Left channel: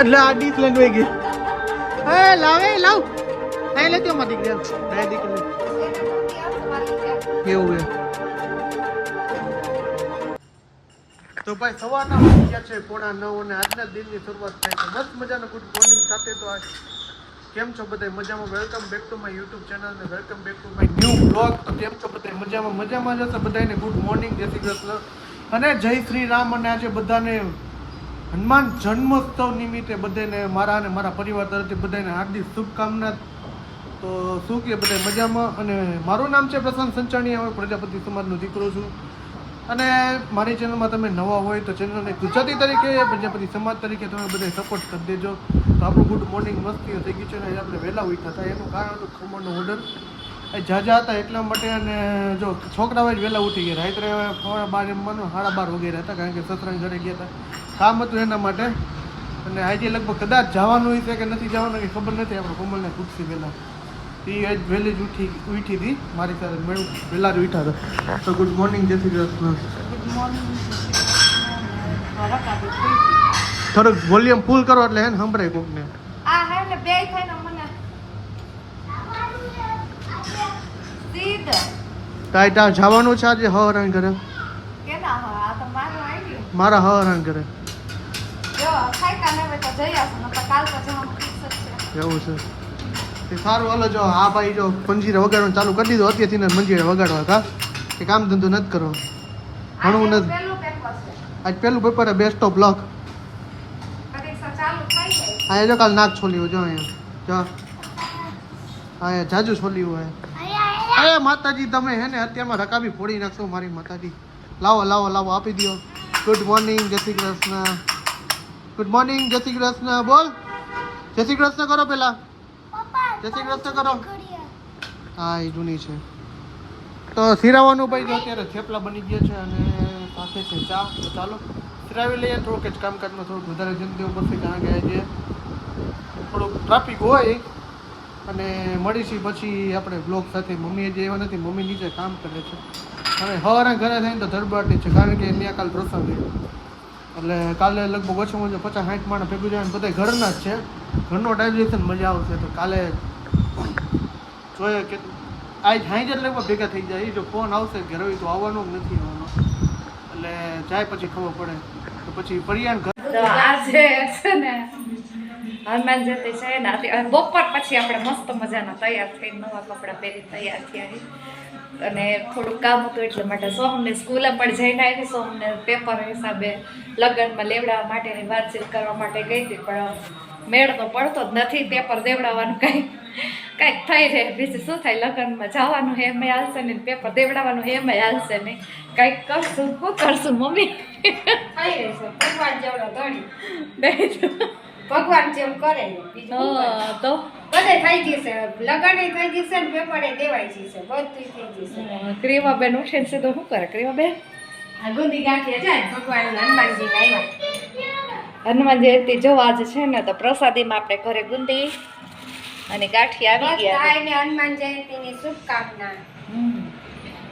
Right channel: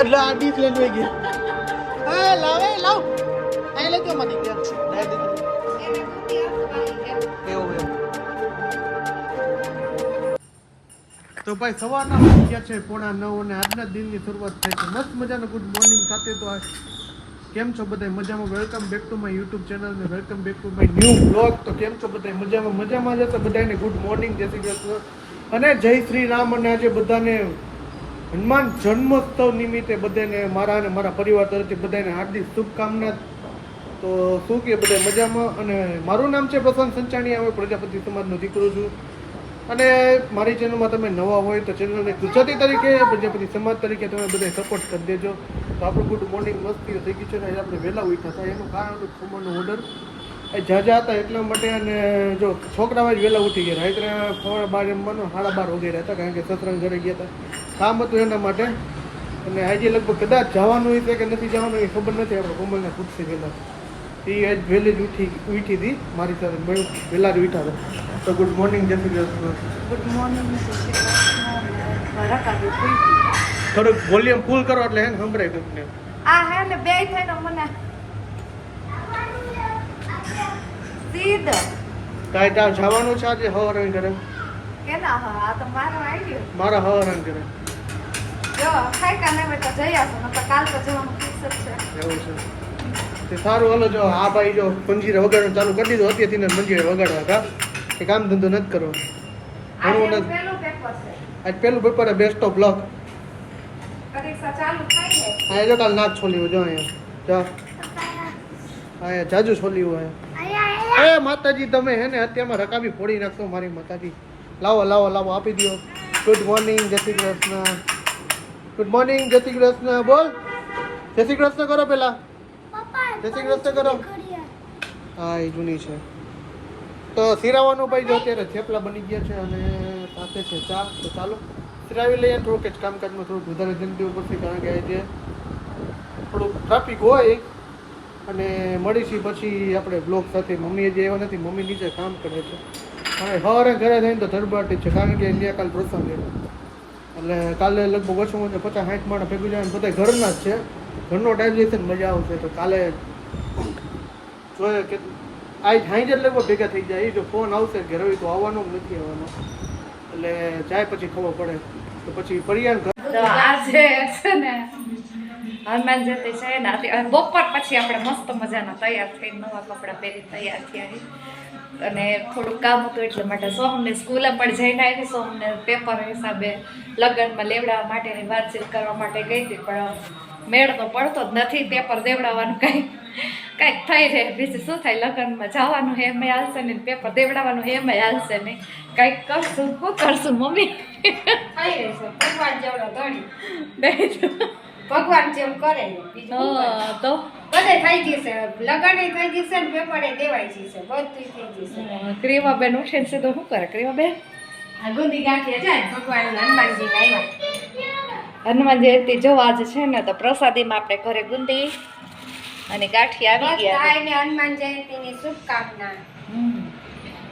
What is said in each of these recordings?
એટલે આ ડીશ લઈને વઈ ગઈ. એ લાવે લાવ એ લેજો મધી ગયા બે દીકરો કેવું તો ભાઈ સવારના વાગી ગયા છે 8:45 અને આજના દિનની શરૂઆત થઈ છે મસ્ત મજાનું ગુડ મોર્નિંગ સાથે. તો કેમ છો બધા મજામાં? Welcome back to my YouTube channel ને welcome back to my new blog. તો કેમ છો બધા મજામાં જશે બધાને ગુડ મોર્નિંગ, જય શ્રી કૃષ્ણ અને જય શ્રી રામ. અને આજે બધાને હનુમાન જન્મોત્સવ નિમિત્તે બધાને મારા અને મારા પરિવાર તરફથી બધાને હાર્દિક શુભકામના. તો શું કે બધા મજામાં? અને મારું નામ છે પ્રશાંત સંચાણીયા, હું પ્રજાપતિ સમાજનો દીકરો છું. અને મારી ચેનલમાં તમે નવા હોય તો ચેનલને ગુજરાતી તરીકે પ્રજાપતિ સમાજ તરીકે તમે બધા સપોર્ટ કરી દેજો. તો આપણું ગુડ મોર્નિંગ મસ્તી થઈ ગયું છે ને આપણે વહેલા ઉઠ્યા હતા. એનું કારણ ખમણનો ઓર્ડર ઝાઝા હતા એટલા માટે. અને જો છોકરાઓ જ વહેલા ઉઠી ગયા, રાત્રે 12:15 જમવાનું 12:30 વગેરે હતા, કારણ કે સસરાને ઘરે ગયા હતા, કામ હતું એના માટે. અને આજે લગભગ કદાચ જવાનું હોય કે નથી જવાનું એ ખબર નથી. આપણે કોમલને પૂછતી ગયેલા એ આજ વહેલી જ ઉઠી હતી મારી સાથે, મેં વહેલા જ ઉઠ્યા હતા. તો ગુડ મોર્નિંગ, જય શ્રી કૃષ્ણ. Good morning. થોડુંક વોલ્યુમ ફૂલ કરો એટલે હે ને સંભળાય કોકને. આ હે ને બે થઈને મને સીધ તાઈ જવાનું છે આજે હરણ કરે કેના હા આ તો મારો આઈડિયો મારા હરણ કરે જો ખાઈ કાને બેટા જઈ આવો નકર કાલ તો જવાનું ફિક્સ જ છે. એવું છે તે સારું. હાલો જો આ ભાઈ જો મંજીરે વગાડવાનું ચાલુ કરી દીધું અત્યારથી ને મંજીરે વગાડવા હતા કે કામ ધંધો નથી કરવો ભણવું નથી. પહેલું પેપર છે આજ પેલું પેપર બેસ્ટ ઓફ લક. પરીક્ષા ચાલુ થઈ ગઈ. આ જો કાલ નાક છોલ્યું જો અહીંયા જો અહીંયા જાજુ છોલ્યું હોય. એ માતાજી તમે હે ને અત્યારમાં રકાબી ફોડી નાખશો મારી માતાજી. લાવો લાવો લાવો આપી દો. ગુડ મોર્નિંગ, જય શ્રી કૃષ્ણ. ગુડ મોર્નિંગ, જય શ્રી કૃષ્ણ. બોલ જય શ્રી કૃષ્ણ કરો પેલા. જય શ્રી કૃષ્ણ કરો. હા એ જૂની છે. તો સિરાવાનું ભાઈ જો અત્યારે થેપલા બની ગયા છે અને સાથે છે ચા. તો ચાલો સિરાવી લઈએ. થોડુંક જ કામકાજમાં થોડુંક વધારે જલ્દી પડશે, કારણ કે આજે થોડુંક ટ્રાફિક હોય. અને મળીશું પછી આપણે બ્લોગ સાથે. મમ્મી જે એવા નથી, મમ્મી નીચે કામ કરે છે. હવે સવારે ઘરે થઈને તો ધડબાટી છે, કારણ કે ત્યાં કાલે પ્રસંગ છે. એટલે કાલે લગભગ ઓછું 50-60 માણસ ભેગું જાય. બધા ઘરના જ છે, ઘરનો ડાયજેશન મજા આવશે. તો કાલે જોઈએ કે આજ હાઈ જ લગભગ ભેગા થઈ જાય. જો ફોન આવશે ઘરે હોય તો આવવાનો જ નથી આવવાનો, એટલે જાય પછી ખબર પડે. તો પછી પરિયાન ઘર તો આજે છે ને હનુમાન જયંતિ છે ને બપોર પછી આપણે મસ્ત મજાના તૈયાર થઈને નવા કપડાં પહેરી તૈયાર થયા. અને થોડુંક કામ હતું એટલે માટે સોમને સ્કૂલે પણ જઈને આવી. સોમને પેપર હિસાબે લગ્નમાં લેવડાવવા માટેની વાતચીત કરવા માટે ગઈ હતી, પણ મેળ તો પડતો જ નથી. પેપર દેવડાવવાનું કાંઈક થઈ રહે, બીજું શું થાય. લગ્નમાં જવાનું હે એમ હાલશે ને, પેપર દેવડાવવાનું હે એમ હાલશે નહીં. કાંઈક કરશું, શું કરશું મમ્મી? થઈ રહેશે ભગવાન જેવડો ધણી ભગવાન જેમ કરે તો બધે થઈ જશે. લગન થઈ જશે ને પેપરે દેવાઈ જશે, બધું થઈ જશે. ક્રીમાબેન ઉઠે છે તો શું કરે ક્રીમાબેન? આ ગુંદી ગાંઠિયા જાય ભગવાન હનુમાનજી આવ્યા. હનુમાન જયંતિ જો આજે છે ને તો પ્રસાદીમાં આપણે ઘરે ગુંદી અને ગાંઠિયા આવી ગયા. બધાને હનુમાન જયંતિની શુભકામના.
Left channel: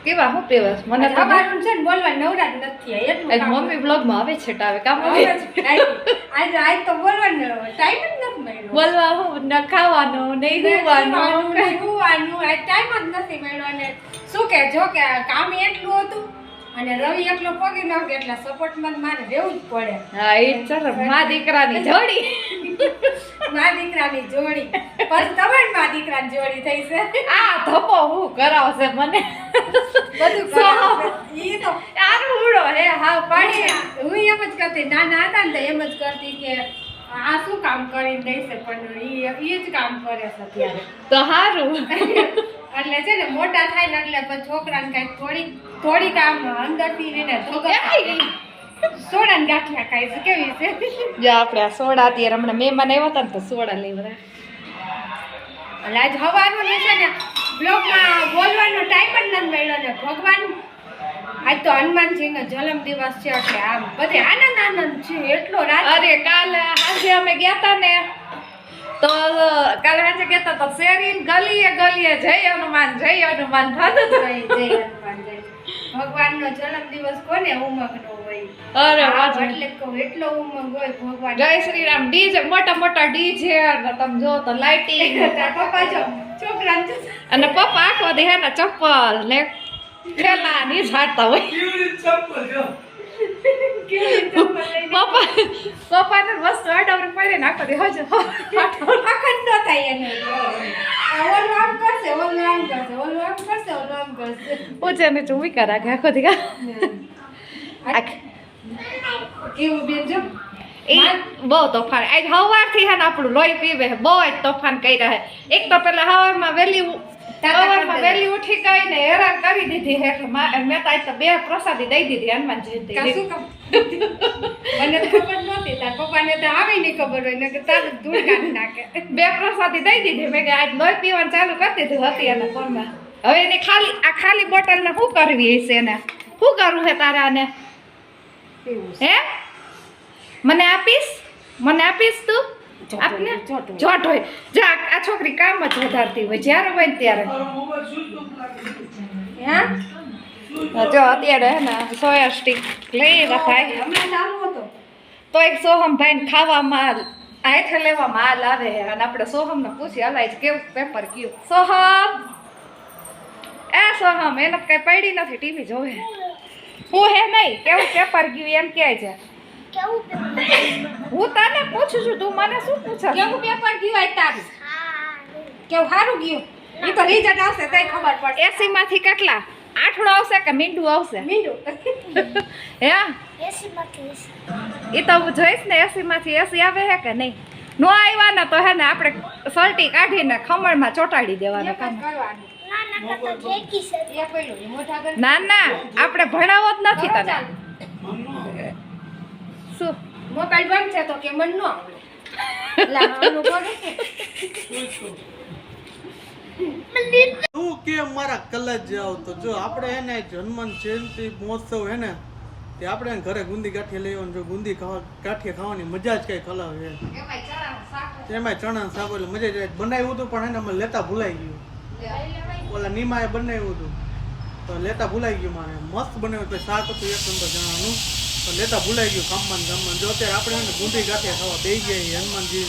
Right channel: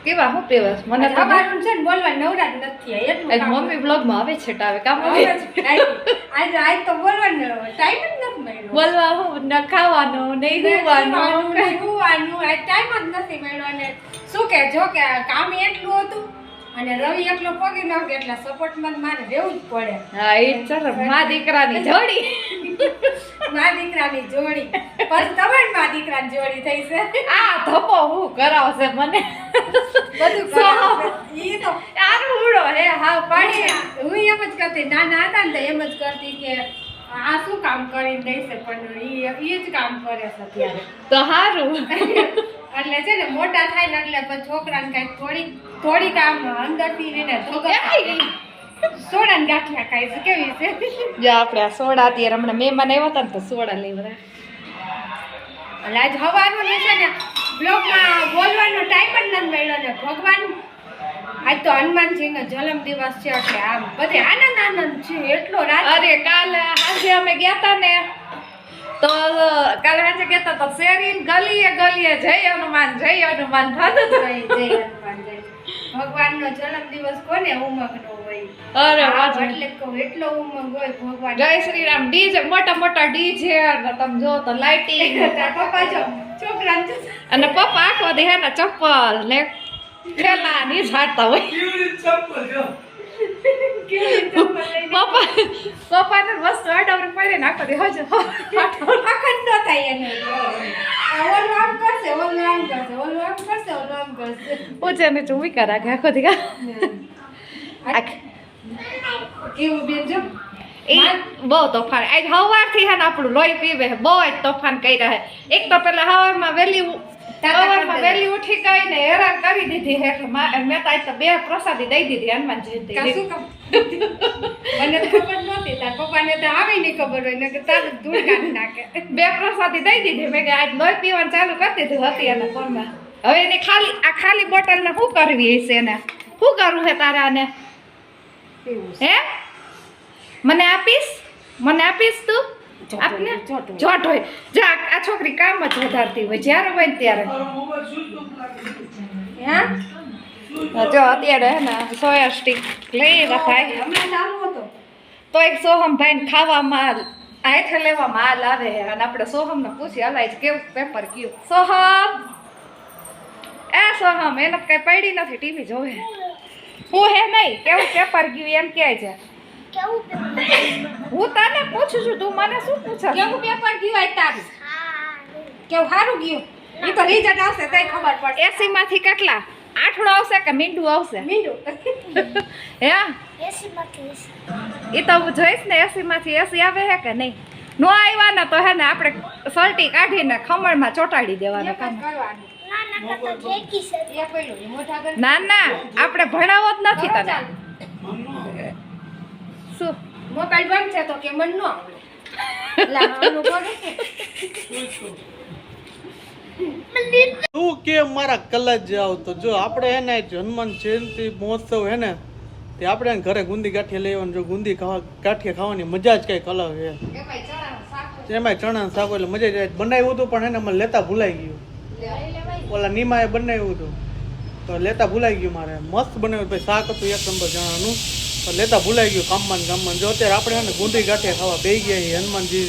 કેવા હું પીવાસ મને તો ખબર છે ને બોલવા નવરાત નથી એટલું આજ મમ્મી બ્લોગમાં આવે છે ટાવે કામ આવે આજ તો બોલવાનો ટાઈમ જ નથી મળ્યો. બોલવા હું ન ખાવાનું નહીં હુવાનું હુવાનું આ ટાઈમ જ નથી મળ્યો. અને શું કે જો કે કામ એટલું હતું અને રવિ એકલો પગી ન કે એટલે સપોર્ટમાં મારે રહેવું જ પડે. હા એ ચલો મા દીકરાની જોડી મા દીકરાની જોડી પછી તમારી મા દીકરાની જોડી થઈ છે. આ ધપો હું કરાવશે મને બધું કરાવશે. ઈ તો આરું ઉડો હે હા પાણી હું એમ જ કરતી, નાના હતા ને તો એમ જ કરતી કે આ શું કામ કરીને દેશે, પણ ઈ જ કામ કરે છે અત્યારે. તો હારું એટલે છે ને મોટા થાય ને એટલે પછી છોકરાને કઈ થોડી કામ અંદરથી એને સોડાને ગાંઠિયા ખાય છે. કેવી છે જો આપણે આ સોડા અત્યારે હમણાં મહેમાન આવ્યા હતા ને તો સોડા લેવડા. એટલે આજ હવાનું છે ને બ્લોગમાં બોલવાનો ટાઈમ જ નથી મળ્યો ને ભગવાન આજ તો હનુમાનજીનો જન્મ દિવસ છે એટલે આમ બધે આનંદ છે એટલો રાત. અરે કાલે આજે અમે ગયા હતા ને તો કાલે આજે ગયા હતા તો શેરી ગલીએ ગલીએ જય હનુમાન થતું હતું. જય હનુમાન જય ભગવાનનો જન્મદિવસ કોને ઉમંગ નો હોય? અરે હા, વાહ. એટલે જ કહું, એટલો ઉમંગ હોય ભગવાન. જય શ્રી રામ. ડીજે મોટા મોટા ડીજે તમે જો તો લાઇટિંગ તારા પપ્પા જો છોકરાને જો. અને પપ્પા આખો દે હે ને ચપ્પલ ને ખેલા ની ઝાડતા હોય. કેવી ચપ્પલ લઈને પપ્પાને વસ્તુ અડાવરી પડે ને આખો દે હજ અખંડ ન થાય એને. ઓલું આમ કરશે, ઓલું આમ કરશે, ઓલું આમ કરશે, ઓલું આમ કરશે. પૂછે ને ચૂમી કરા કે આખો દી કેવું બેન જો એ બહુ તોફાન આજ સવારથી હે ને આપણું લોહી પીવે છે. બહુ જ તોફાન કર્યા છે. એક તો પેલા સવારમાં વહેલી ઉઠી ગઈ ને હેરાન કરી દીધી હે કે મેં તો આજ તો 2 પ્રસાદી દઈ દીધી હનુમાન જયંતિ. કાશું કામ. મને તો ખબર નહોતી, તાર પપ્પાને તો આવે નહીં ખબર હોય ને કે તારું ધૂળ કાઢી નાખે. 2 પ્રસાદી દઈ દીધી. મેં કે આજ લોહી પીવાનું ચાલુ કરી દીધું હતી એના પરમાં. હવે એને ખાલી બોટલને શું કરવી હશે એને? શું કરવું છે તારે આને? એવું હે મને આપીશ તું? આપને જોટ હોય જા. આ છોકરી કામ જ વધારતી હોય જ્યારે હોય ને ત્યારે. જો અત્યારે હે ને સોયા સ્ટીક લઈ રખાય હમણાં ચાલુ હતો. તો એક સોહમભાઈ ને ખાવામાં આથે લેવામાં હાલ આવે છે. અને આપણે સોહમને પૂછી હલાય છે કેવું પેપર ગયું. સોહમ એને કઈ પડી નથી, ટીવી જોવે. હું હે નહીં કેવું પેપર ગયું એમ કહે છે. હું તને પૂછું છું, તું મને શું પૂછે? કેવું પેપર ગયું આજ તારું? કેવું સારું ગયું? એ તો રિઝલ્ટ આવશે તઈ ખબર પડશે. 80 માંથી કેટલા આઠડો આવશે કે મીંડું આવશે? મીંડું. હે એ તો હું જોઈશ ને 80 માંથી 80 આવે હે કે નહીં. નો આવ્યા ને તો હે ને આપણે સલટી કાઢીને ખમણમાં ચોટાડી દેવાના એક જ કામ. કરવાનું. એ પડ્યું, એ મોઢા આગળ. ના ના આપણે ભણાવો જ નથી કરો તને. ચાલુ. શું મોબાઈલ બંધ છે તો કે મન ન આવડે. લાવવાનું પડે છે. તું કે મારા કલજ જાવ તો જો આપણે હે ને હનુમાન જયંતિ મહોત્સવ હે ને તે આપણે એને ઘરે ગુંદી ગાંઠિયા લેવાની. જો ગુંદી ગાંઠિયા ખાવાની મજા જ કંઈક અલગ છે. એમાંય ચણાનું શાક એટલે મજા જ આવે. બનાવ્યું હતું પણ એને મને લેતા ભૂલાઈ ગયું. ઓલા નીમાએ બનાવ્યું હતું તો લેતા ભૂલાઈ ગયું મારે. મસ્ત બનાવ્યું. પછી શાક હતું 1 નંબર ચણાનું પણ લેતા ભૂલાઈ ગયું કામમાં. જો અત્યારે આપણે હે ને ગુંદી ગાંઠિયા ખાવા બેસી ગયા. હનુમાનજી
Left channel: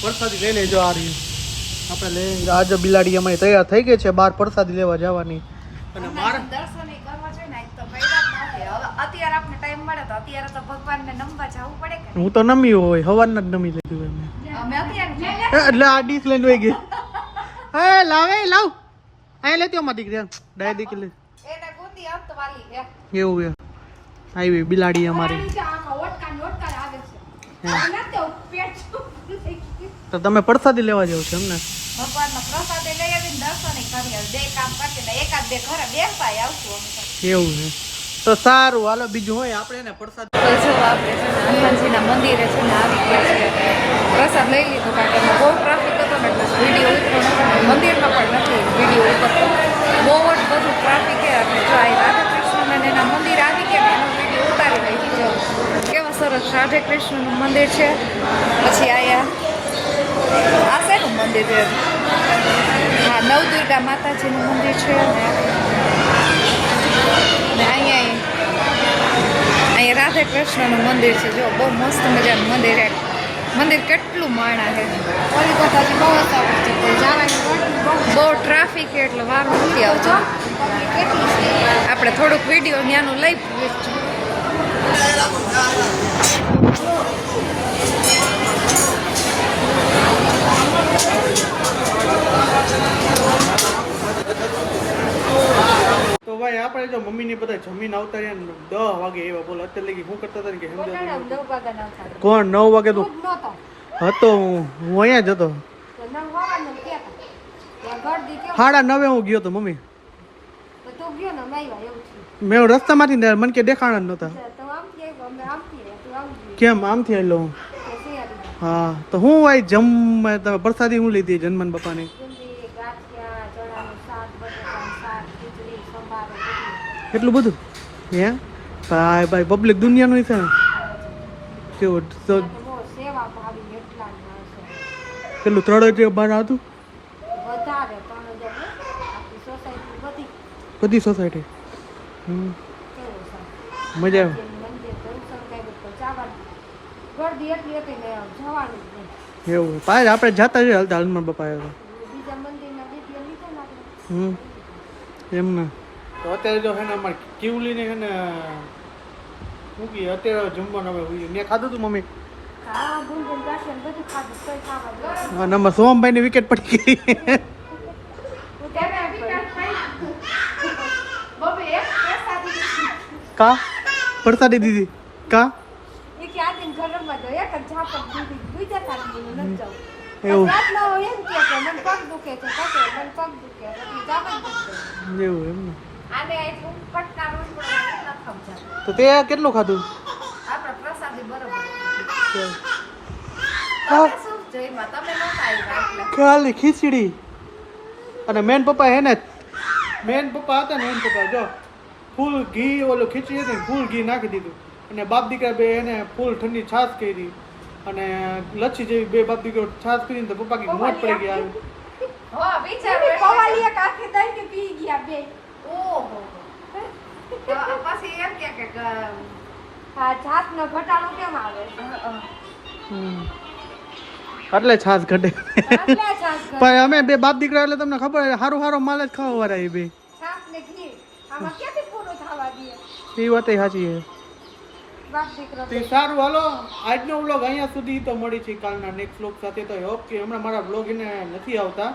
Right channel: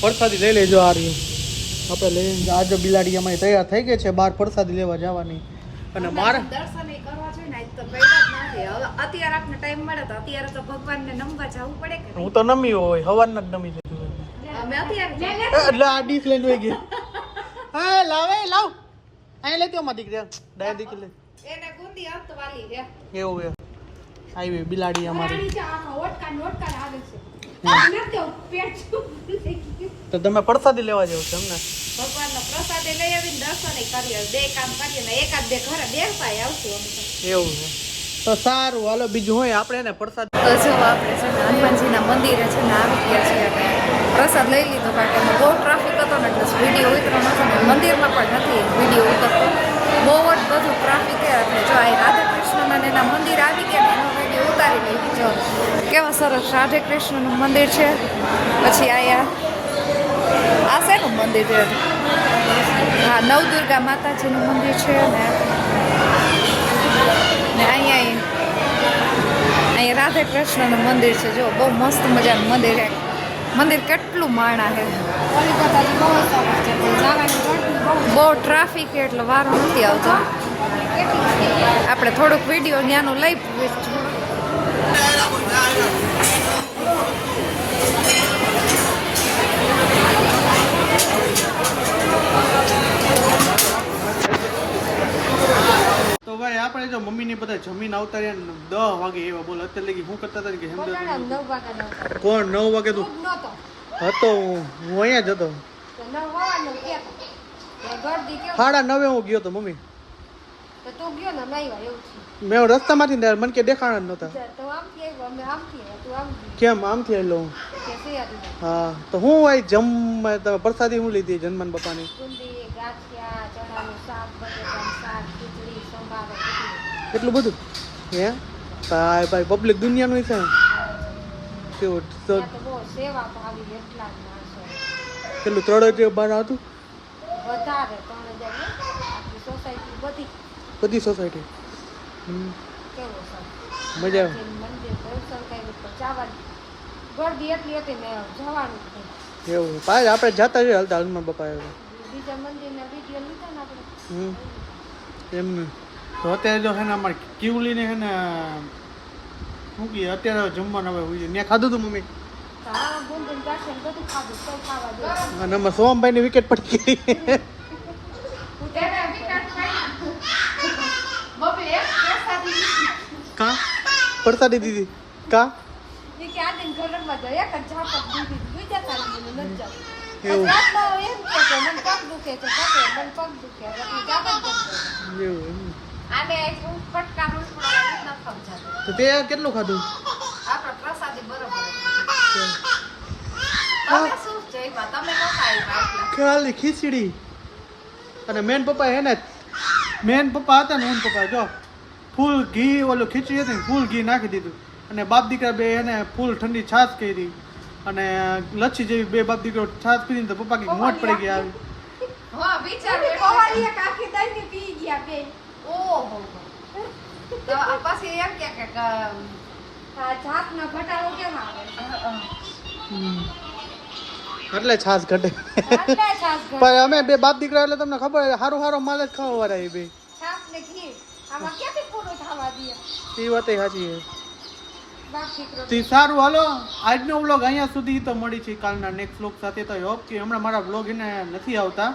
પ્રસાદી લઈ લેજો. આ રહી આપણે લઈને આજે બિલાડી અમારી તૈયાર થઈ ગઈ છે બહાર પ્રસાદી લેવા જવાની. અને મારા દર્શન કરવા છે ને આજ તો પડ્યા જ નથી. હવે અત્યારે આપણે ટાઈમ મળે તો અત્યારે તો ભગવાનને નમવા જવું પડે કે હું તો નમી હોય હવારના જ નમી લીધું. અમે અત્યારે એટલે આ ડીશ લઈને વહી ગઈ. હે લાવ આ લેતી અમારી દીકરી ડાય દીકરી એને ગુંદી આવતો વાલી રે. એવું છે. આવી બિલાડી અમારી. નીચે આમાં ઓટકા ને ઓટકા આવે છે. હા. નથી તો પેટ ચૂપ થઈ ગયું. તો તમે પ્રસાદી લેવા જાવ છો એમને? ભગવાનનો પ્રસાદ લઈ આવીને દર્શન કરીએ. 2 કામ કરીએ ને એકાદ 2 ઘરે બેસવાય આવશું અમે તો. એવું છે. તો સારું હાલો બીજું હોય આપણે એને પ્રસાદ તો જો આપણે છે ને હનુમાનજીના મંદિરે છે ને આવી ગયા છે. પ્રસાદ લઈ લીધો કારણ કે બહુ ટ્રાફિક હતો ને એટલે વિડીયો ઉતરવાનો હતો ને મંદિરમાં પણ નથી વિડીયો ઉતરતો. બહુ જ બધું ટ્રાફિક છે. એટલે જો આ રાધાકૃષ્ણ અને એના મંદિર આવી ગયા ને એનો વિડીયો ઉતારી લઈ. જો કેવા સરસ રાધાકૃષ્ણનું મંદિર છે. પછી આયા આ શેનું મંદિર છે? હા નવદુર્ગા માતાજીનું મંદિર છે. ને અહીંયા રાધાકૃષ્ણનું મંદિર છે. જો બહુ મસ્ત મજાનું મંદિર છે. મંદિર કેટલું માણા છે. ઓલી બધાથી બહુ સરસ છે પણ જવાની ગળદી બહુ બહુ ટ્રાફિક છે એટલે વાર નથી આવતો. કેટલી છે. આપણે થોડુંક વિડીયો ત્યાંનું લઈ પૂછશું. તો ભાઈ આપણે જો મમ્મીની બધા જમીન આવતા રહ્યા ને 10 વાગે એવા બોલ અત્યારે લગી શું કરતા હતા ને કે પોતાના સમજો 9 વાગ્યાના ઉતારે. કોણ 9 વાગે તો તું જ નહોતો. હતો હું અહીંયા જ હતો. તો 9 વાગ્યાનું કહેતા. આ ગળદી કેમ? 9:30 હું ગયો તો મમ્મી. તો તું ગયો ને નહીં વાર એવું થયું. મેં રસ્તામાંથી ને મને કે દેખાણા જ નહોતા. તો આમથી આવ્યો, અમે આમથી આવ્યા, તું આમ ગઈ. કેમ આમથી એટલે હું તે શિયાળીમાં. હા તો હું હોય તમે પ્રસાદી હું લીધી જન્મન બાપાની? ડુંગળી, ગાંઠિયા, ચણાનું શાક, બટેટાનું શાક, ખીચડી, સંભારો, બધું. કેટલું બધું હે ભાઈ ભાઈ પબ્લિક દુનિયાનું છે ને કેવું તો ત્યાં તો બહુ સેવા ભાવી એટલા જ માણસો. પેલું 3,000 બાર હતું વધારે પણ જો આખી સોસાયટી બધી બધી સોસાયટી હમ. કેવો છે મજા મંદિર દર્શન કર્યું તો જવાનું ગરદી એટલી હતી ને જવાનું જ નહીં. એવું પાય આપણે જતા રહીએ હાલતા હનુમાન બાપા આવ્યા બીજા મંદિરના વિડીયો લીધા ને આપણે. હમ એમના તો અત્યારે જો હે ને અમારે કિવલીને હે ને શું કહે અત્યારે જમવાનું હવે મેં ખાધું હતું મમ્મી હા ગુંગન ગાંઠિયા ને બધું ખાધું કોઈ ખાવા દે હા નંબર સોમભાઈની વિકેટ પડી ગઈ કા પડસાડી દીધી કા એ કે આ દિન ઘરમાં જો એક જ ઝાપટ દીધી બીજા કારણે નથી જાવ. એવું. રાતનો એમ કહે કે મને પગ દુખે છે કાકે મને પગ દુખે એટલે ઝાપટ જ દે. એવું એમ ને. આને હું કટકા રોટડા નથી સમજાતું. તો તે કેટલું ખાધું આપણા પ્રસાદી બરોબર. હા. તમે શું જઈમાં? તમે નહોતા આવ્યા એટલે. ખાલી ખીચડી અને મેન પપ્પા હે ને મેન પપ્પા હતા ને મેન પપ્પા જો ફૂલ ઘી ઓલું ખીચડી હતી ને ફૂલ ઘી નાખી દીધું અને બાપ દીકરા બે એને ફૂલ ઠંડી છાશ કરી અને લચ્છી જેવી બે બાપ દીકરો છાશ પીધી ને તો પપ્પા કઈ મોટ પડી ગયા આવી હો, વિચાર એની પવાલી એક આખી દહીં પી ગયા બે. ઓહો. તો પછી એમ કે આ જાતનો ઘટાડો કેમ આવે છે? હમ. એટલે છાશ ઘટે આટલે છાશ ઘટે. પણ અમે બે બાપ દીકરા એટલે તમને ખબર સારું સારું માલ જ ખાવા વાળા એ બે છાશ ને ઘી આમાં ક્યાંથી પૂરું થવા દે? એ વાત સાચી છે બાપ દીકરા તે સારું હાલો આજનો વ્લોગ અહીંયા સુધી તો મળી છે કાલના નેક્સ્ટ વ્લોગ સાથે તો હોપ કે હમણાં મારા વ્લોગ એને નથી આવતા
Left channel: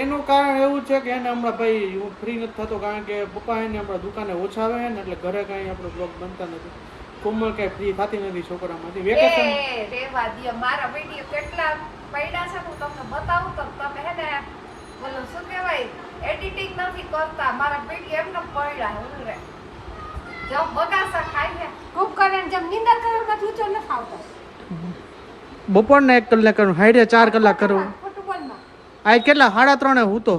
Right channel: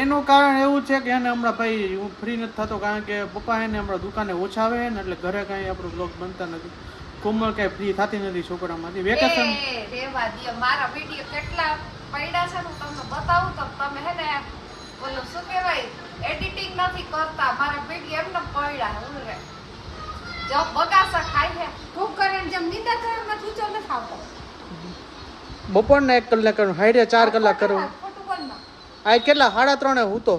એનું કારણ એવું છે કે એને હમણાં ભાઈ હું ફ્રી નથી થતો કારણ કે પપ્પા એને હમણાં દુકાને ઓછા આવે ને એટલે ઘરે કાંઈ આપણો વ્લોગ બનતા નથી કોમલ કાંઈ ફ્રી થતી નથી છોકરામાંથી વેકેશન રેવા દે. મારા વિડીયો કેટલા પડ્યા છે ને હું તમને બતાવું તો તમે હે ને બોલો શું કહેવાય એડિટિંગ નથી કરતા. મારા વિડીયો એમને પડ્યા હું રે જો બગાસા ખાઈ છે. ખૂબ કરીને જેમ નિંદર કર્યો પછી ઊંચો નથી આવતો. બપોરને 1 કલાક કરું હાઈડે 4 કલાક કરું ફૂટબોલમાં આ કેટલા 3:30 હૂતો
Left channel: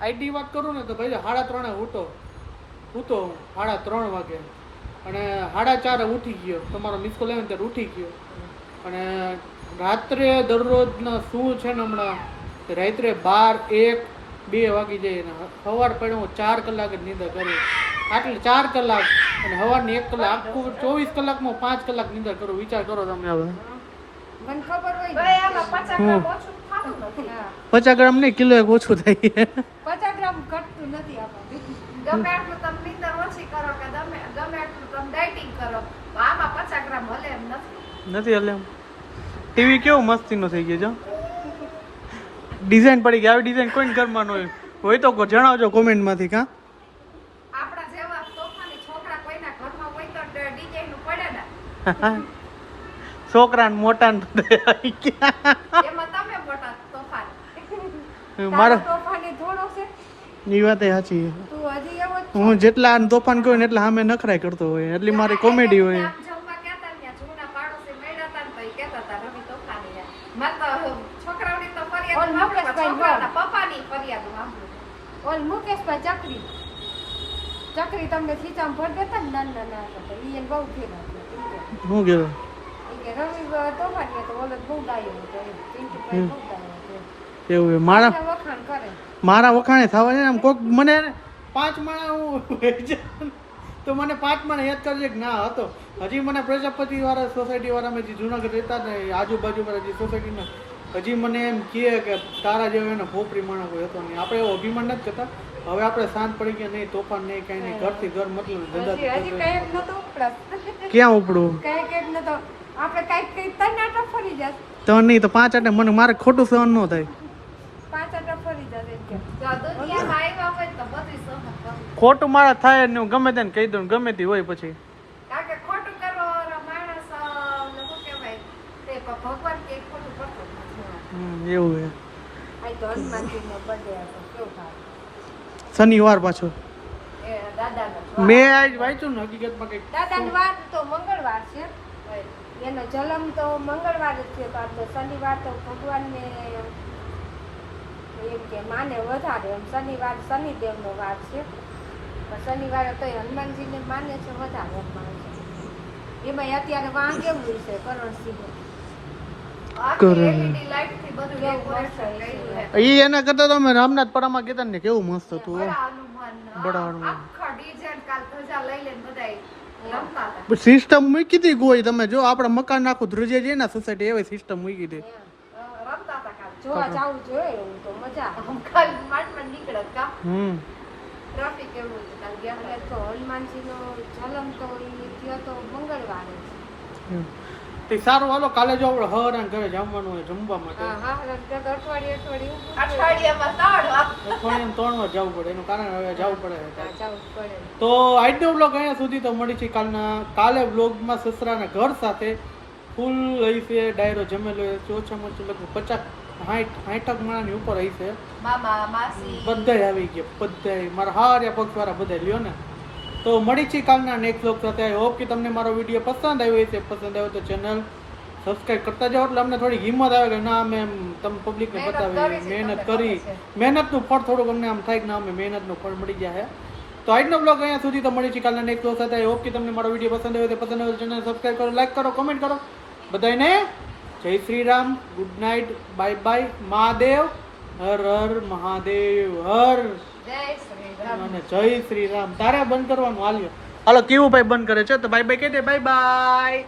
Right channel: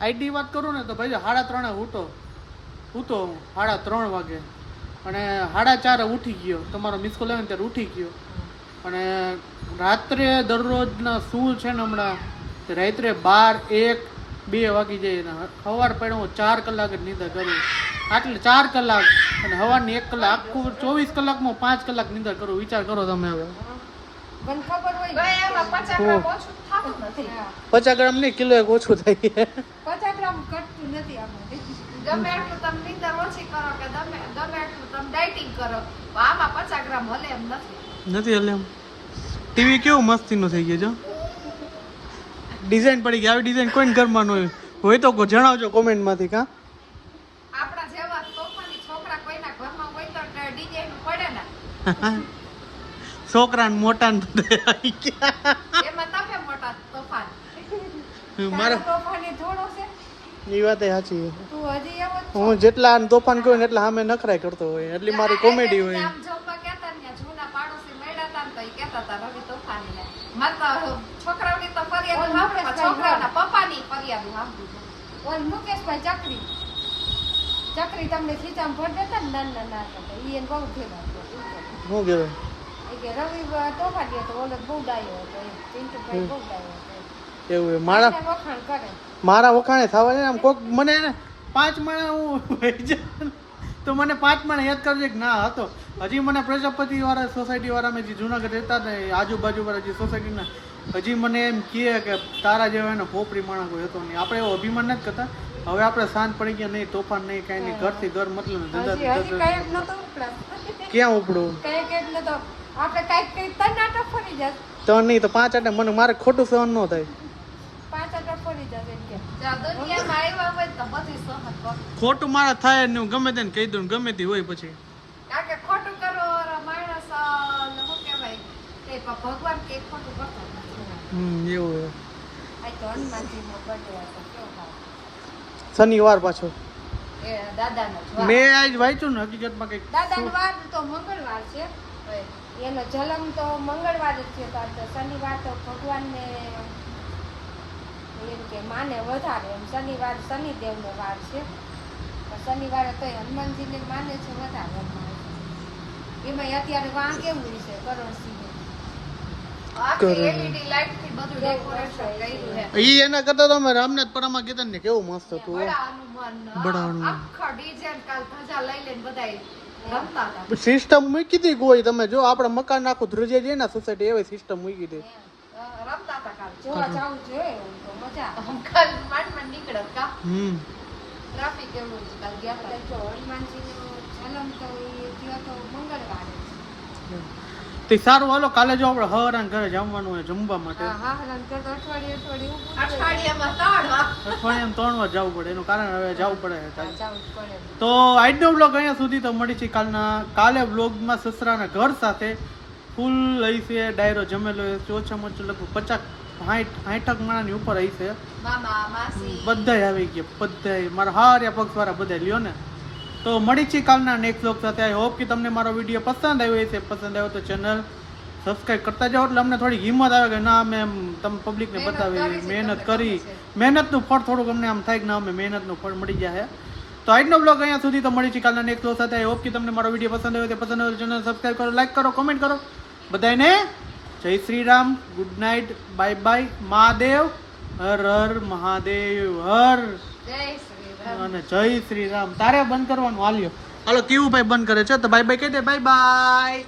આઈડી વાત કરું ને તો ભાઈ 3:30 હૂતો હું 3:30 વાગે અને 4:30 ઉઠી ગયો તમારો મિસ કોલ આવ્યો ને ત્યારે ઉઠી ગયો અને રાત્રે દરરોજના શું છે ને હમણાં રાત્રે 12, 1, 2 વાગી જાય ને સવાર પડ્યો હું 4 કલાક જ નિંદર કરી આટલે 4 કલાક અને સવારની 1 કલાક આખું 24 કલાકમાં 5 કલાક નિંદર કરું વિચાર કરો તમે આપણે મને ખબર હોય ગઈ આમાં 50 ગ્રામ ઓછું થતું નથી. હા 50 ગ્રામ નહીં કિલો એક ઓછું થઈ ગયું 50 ગ્રામ ઘટતું નથી આમાં. ગમે એટલું તમે નિંદર ઓછી કરો કે ગમે એટલું તમે ડાયટિંગ કરો આમાં 50 ગ્રામ હલે એમ નથી. નથી એટલે ટીવી કેવું મસ્તીનું થઈ ગયું જો ડિઝાઇન પડી ગઈ આવી ડિઝાઇન કોઈને ઘરમાં ન હોય તો જણાવજો કોમેન્ટમાંથી કાં આપણા જેવા તોફાની છોકરા કોઈના ઘરમાં હોય તો ડિઝાઇન પડે ને છોકરા ને મોટા ને બધા આવી ગયા. એમાં તમે મોટા તોફાન. મારો તારો તોફાની થોડો છે એ વાત સાચી તું હજી એવો જ છો. હું જેટલા આને તોફાન કહું ને એટલા સામે નખરાઈ કરતો હોય એટલી મારી કોમેડી હોય આમ જમવા કહેતા ને ત્યાં જૂના પાડોશી મળ્યા હતા ને તો ઈ કહેતા હતા રવિ તોફાની છે. મને તો છોકરાઓની તો ફરિયાદ સાંભળે પણ છોકરાના પપ્પાની ફરિયાદ સાંભળે. ઓલ મુકેશભાઈ ચકરી તમને ખીચામાં ભર દેતા ને નાના નાના હતા ઈ એને બહુ ફેરવા હું ગયેલો રવિ તોફાની હતો ઓલો બહુ ડાયો હતો એમ પિન્ટુભાઈ બહુ ડાયો હતો એવું હોય. મારા આટલા વખાણ કરે મારા વખાણે થવા છે ને આમ કોક મને યાર 5 માણા હું વહી જાઉં તો મને 5 માણા યાદ કરજે કે ના હતો હજી મને પ્રજાપતિ વાળા સોસાયટી વાળા મેં જે જુનાગઢ રહેતા ને આજુબાજુ વાળા જે સોસાયટીના હજી મને એમ કહે કે તારા જેવા એને ખોપરી માણસ કોઈ હતો નહીં આપણે એવો અભિમાન નથી કરતા હવે આપણે શાંત પડી ગયા નહીં તોફાન નહીં કાંઈ નહીં ઘરથી ઘર મતલબ હજી ધંધાથી કઈ ધંધો. જ નતો ક્યાં ઉપડું કઈ નતો આપણે કઈક તનાટા ફરી જાય તો નહીં તો 5 આટે મને મારે ખોટું સહન ન થાય 5 આટા ફરી જાય એમ કે જો દુનિયામાં આવ્યા હોય તો બધી સહન કરો. ખોટું મારા થાય ને હું ગમે તેને કહી દઉં ગમે તે હોય પછી કારણ કે ખોટું કરવાવાળા માણસ ને શું કહેવાય તે ભગવાન કે ખોટું કરતો જ નથી. એવું આ તો હનુમાનજીનો બર્થડે હતો કેવું થાય શનિવાર પાછું એ દાદાનો જ મેં આજ વાંચ્યું ને હકીકતમાં કંઈક દાદાનો વાર તો મંગળવાર છે વાહ. એનો જન્મ તો મંગળવાર જ છે તો આપણે શનિવાર તો ભગવાનને એમ કે માને વધારે એમ શનિવાર શનિદેવનો વાર છે તો શનિવારે તો હનુમાનજીને માને છે વધારે એમ માને છે એમાં અત્યારે વાં કેવું છે કરણસિંહ LED લાઈટ થી બધું ડેકોરેશન કર્યું છે. ઈ એના કરતા તમે રામનાથ પરામાં કહેતા ને કેવું મસ્ત હતું બડા હનુમાન બડા હનુમાન. આખા ડીજે કાલ ધજા લઈ લઈને બધાય રમતા હતા. સિસ્ટમ મૂકી હતી ગોઈ તમે જો આપણા મકાન આખું ધ્રુજે છે ને સોસાયટી એવી સિસ્ટમ મૂકી હતી રમતા હતા કાલ. જોવા જાવું જોઈએ એવું તો મજા આવે. આમ કાલ માટમાં નીકળ્યા કા ટ્રાફિક એવું છે કાલ ગયા અને હતા. તો હનુમાનજીનો જન્મ તો એ થયો તો મંગળવારે છે. તે સારું હાલો કાલે જો આપણે હવારાન ઘરે જમવાનું હોય જમવા માટે હા રણગઢ અઠવાડિયે ઊભું અઠવાડિયામાં 3 અઠવાડિયામાં 3 વાર જવું પડે એનું કારણ હવે જવું પડે જવું જ પડે. તો આજનો બ્લોગ અહીંયા સુધી તો મળી છે કાલે બ્લોગમાં સસરાના ઘર સાથે ફૂલ રહી છે ડાયરો જમેલો છે ઓછામાં ઓછું લગભગ 50-60 માણાની ઉપર રહી છે મામા માસી બધાય આવી ગયા બધાય મારા હાર્યા પક્ષવાળા બધા લ્યો ને તો મળી છે કાલના નેક્સ્ટ બ્લોગ સાથે આઈ હોપ કે તમને મારો વિડીયો પસંદ આવ્યો હશે પસંદ આવ્યો તો ચેનલ સબસ્ક્રાઇબ કરતા જાઓ એટલે અમને થોડી હિંમત આવે કે ના અમે તમે પબ્લિકને બતાવી મહેનત કરી મહેનતનું ફળ થોડુંક અમને આમ થાય કે ના અમે મહેનતનું ફળ મળી જાય તો આજનો બ્લોગ અહીંયા સુધી તો મળી છે કાલના નેક્સ્ટ બ્લોગ સાથે આઈ હોપ કે તમને મારો વિડીયો પસંદ આવ્યો તો પસંદ આવ્યો ચેનલ સબસ્ક્રાઇબ કરો લાઈક કરો કોમેન્ટ કરો બધાને જય Shri Ram good night bye bye Mahadev હર હર મહાદેવ હર જય શ્રી રામ. અને જય શ્રી રામ તારે બંધ કરવાનું હાલ્યો હાલો કેવું ભાઈ બંધ કરે છે તો બાય બાય કહી દે બાય બાય